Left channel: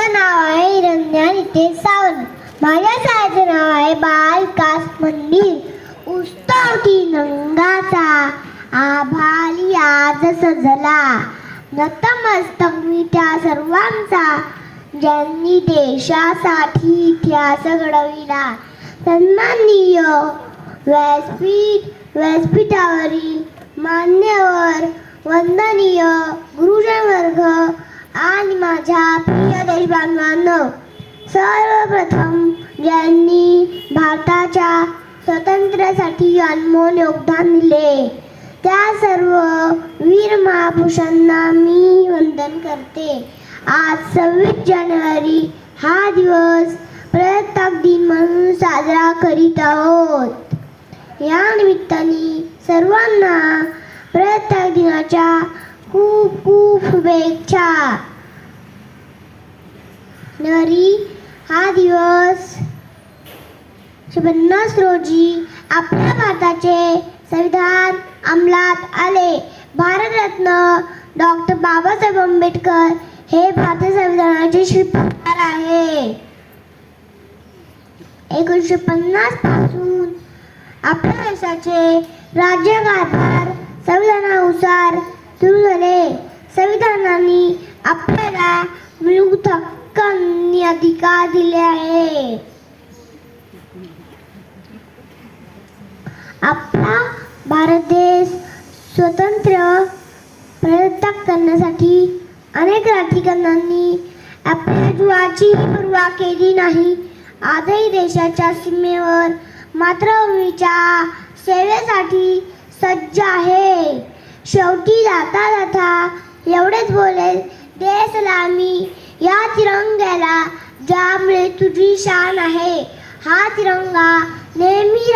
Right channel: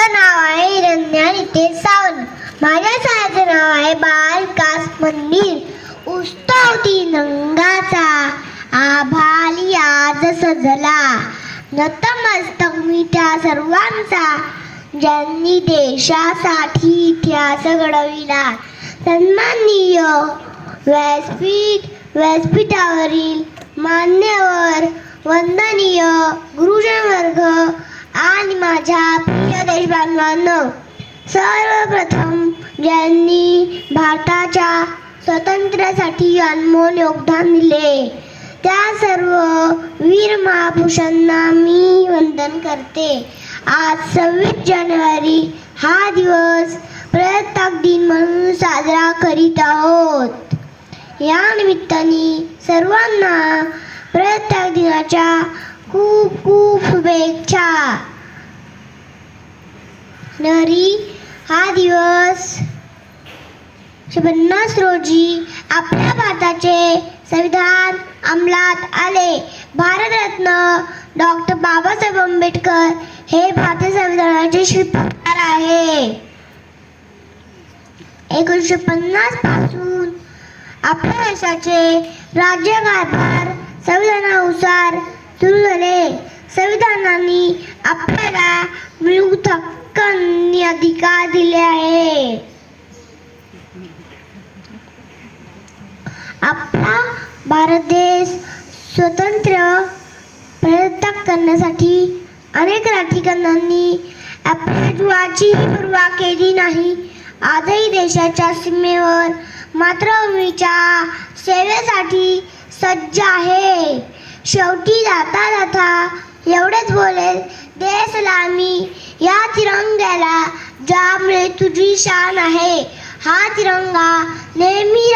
माझं नाव आहे हिरण्या नितेश सावंत. माझ्या शाळेचं नाव आहे बाल विकास मंदिर. उस्तावती नंगाचा आभाली आज सजला, नतमस्तक मी त्या सर्वांचा ज्यांनी देशासाठी इतिहास घडविला. सन्माननीय व्यासपीठावरील मान्यवर, वंदनीय गुरुजन वर्ग आणि माझ्या प्रिय देशबांधवांनो, सर्वप्रथम ज्यांनी भारताच्या स्वातंत्र्यासाठी अनमोल योगदान दिले त्या सर्व वीर महापुरुषांना मी वंदन करते. आज 26 जानेवारी हा दिवस प्रजासत्ताक दिन म्हणून साजरा करीत आहोत. या निमित्ताने सर्वांना प्रजासत्ताक दिनाच्या खूप खूप शुभेच्छा. हा दिवस 1950 रोजी आपल्या भारताचे संविधान अंमलात आले. भारतरत्न डॉक्टर बाबासाहेब आंबेडकर हे भारतीय संविधानाचे शिल्पकार आहे. 1950 पासून आपल्या देशाचे राज्यकारभार संविधानानुसार सुरू झाले. संविधानाने आपल्याला मूलभूत हक्क आणि अधिकार दिले आहे. आपला भारत देश स्वतंत्र प्रजासत्ताक करण्यासाठी अनेक राज्यकर्त्यांनी आपल्या जीवाची पर्वा केली नाही. आजही देशाच्या सीमेवर मातृभूमीच्या सेवेसाठी सज्ज आहे. शेवटी जाता जाता एवढेच बोलेल, दे सलामी या तिरंग्याला, ज्यामुळे तुझी शान आहे. हा तिरंगा नेहमी